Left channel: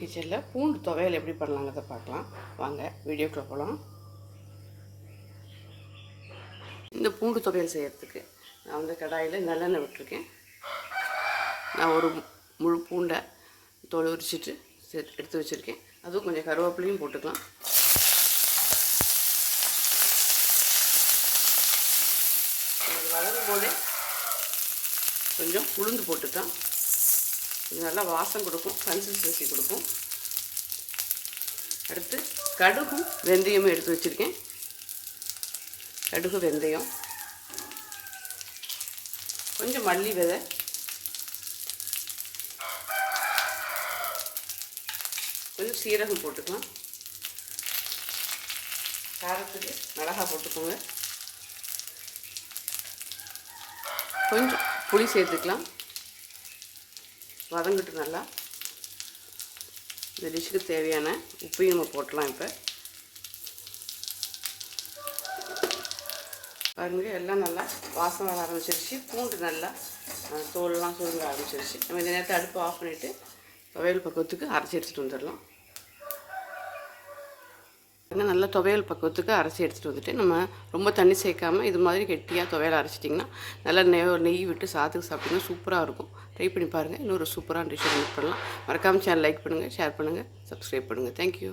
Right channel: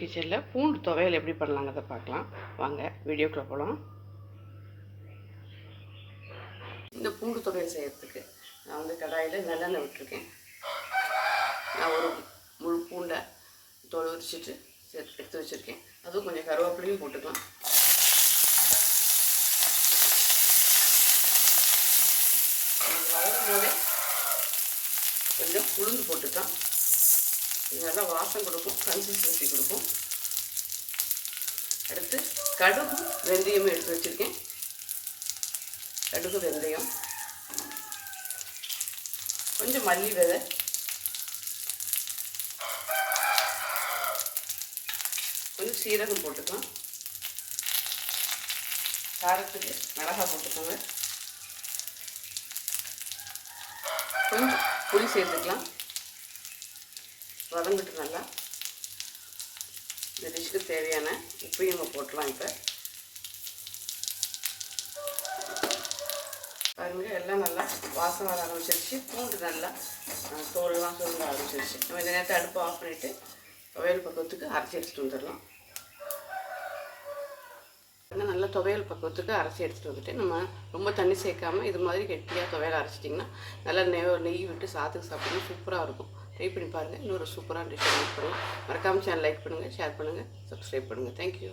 கிச்சனில் பூண்டு துவையல் எப்படி பண்ணலாங்கிறத பார்க்கலாம். வாங்க வீடியோக்குள்ளே போகலாம் இந்த பூண்டு துவையல் செய்கிறதுக்கு நான் வந்து கடாயில் நல்லெண்ணெய் விட்டுருக்கேன். நான் ஒரு முழு பூண்டை தோல் உரிச்சிட்டு எடுத்து வச்சுருக்கேன். அதுவும் கொஞ்சம் கருவேப்பிலையும் போட்டுக்கலாம். அது வளரும் போதே கொஞ்சம் உளுந்து போட்டுக்கலாம். இது நல்லா வாசம் கொடுக்கும் கன்சிஸ்டன்சி கொடுக்கும். அடுத்து கடுகு வெந்தயம் எடுத்து வச்சுருக்கேன். கடுகு வெந்தயம். கொஞ்சம் மல்லி விதை. கொஞ்சம் சீரகம் போட்டுக்கலாம். காரத்துக்கு மிளகா போட்டுக்கோங்க. கொஞ்சம் புளி சேர்த்துக்கலாம். வதங்கிட்டு நல்லா. இந்த டிஷ்ஷுக்கு தேவையான உப்பையும் நம்ம போட்டலாம் இப்போ. பாருங்க எல்லாம் நல்லா வாசம் வர ஆரம்பிச்சிருச்சு. பூண்டு நல்லா தோலெல்லாம் சுருங்க ஆரம்பிச்சிருச்சு. நம்ம இந்த நேரத்தை அடுப்பு ஆஃப் பண்ணிவிட்டு துவையல் பக்கத்துக்கு அரைச்சி எடுத்துகிட்டு வந்துடலாம். நல்லா துவையல் பக்குவத்துக்கு அரைச்சி எடுத்துகிட்டு வந்துட்டு நம்ம ரொம்ப தண்ணி சேர்க்காமல் இது மாதிரி கெட்டியாக துவையல் அரைச்சிட்டிங்கன்னா நல்லா நெய் நெய் விட்டு சாத்துக்கு சாப்பிட்டிங்கன்னா சூப்பராக இருக்கும். ட்ரை பண்ணி பாருங்கள் இன்னொரு சூப்பரான டிஷ் பண்ணலாம். மறக்காமல் சேனல் லைக் பண்ணுங்கள் ஷேர் பண்ணுங்கள் சப்ஸ்கிரைப் பண்ணுங்கள் தேங்க்யூ